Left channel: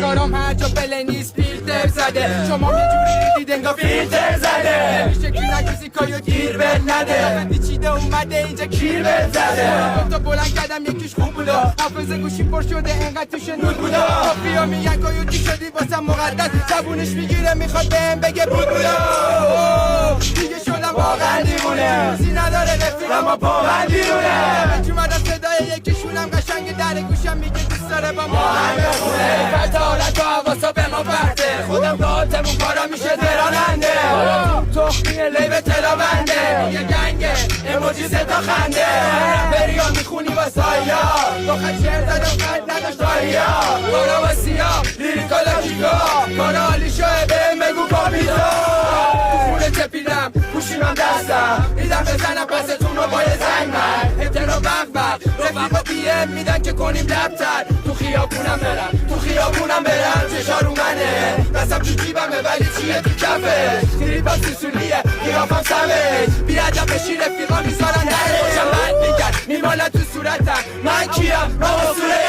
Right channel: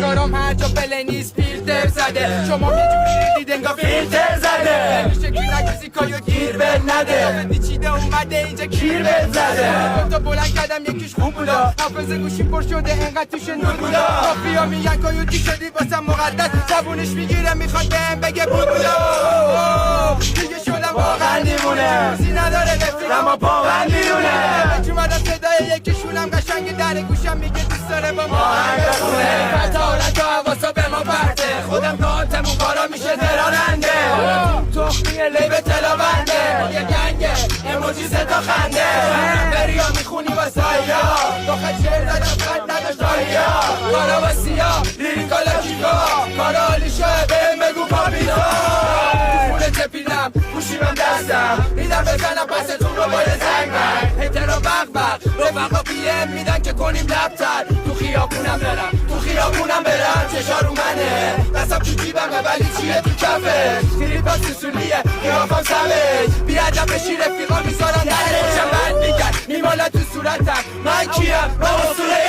کارم هر جا بله نیست فیلتر زده شما یه جوری ریدید انگار فیلتر زده نمیشه که نکسی کایو گیر به نده چیده اومده اینجا کیر بزده تا بلند کردم یکیش خوب بودا حافظه گوشیم پر شده انقدر توش نور بودا کافیا میگن کایو دی شدی واسم مقدس زبونش میگیره میخواد بهم بگه بود بودا دیگه شدم واقعا دیوونه روزی نداره رفیقم و پابندیونه به اومدم صدای یکیشونم قشنگ در گوشم میگه دوست داره با ما هم بخونه فتا حالت و حواسا به ما برده خودم کارتمون کارا میشه دراننده حالا تو تخمیه لیب تلا بنده یه گنگه اموجی صدا خنده رپریا میخونی با سایا داخل شعر دادم قد نداشت دایا کارا با سیا لیریکالا کیکا کارا حالی شاید بهم بگو پاپیتا تو خونه چپیدم گوشیمم دستم میدم بزنم پستون رو باید زنگ من احترام بغ رفقا پیم میدن که کنیم لبتر تو خیابونم برم چشارو منه دستم تو جیبمه ولی چیه تو کفه تریپا سوسولیه قیافم سمج بیادم بشی رفیقا میذارن نره خوشم بند میگن میمالا تو صورتم من کیم من اصوله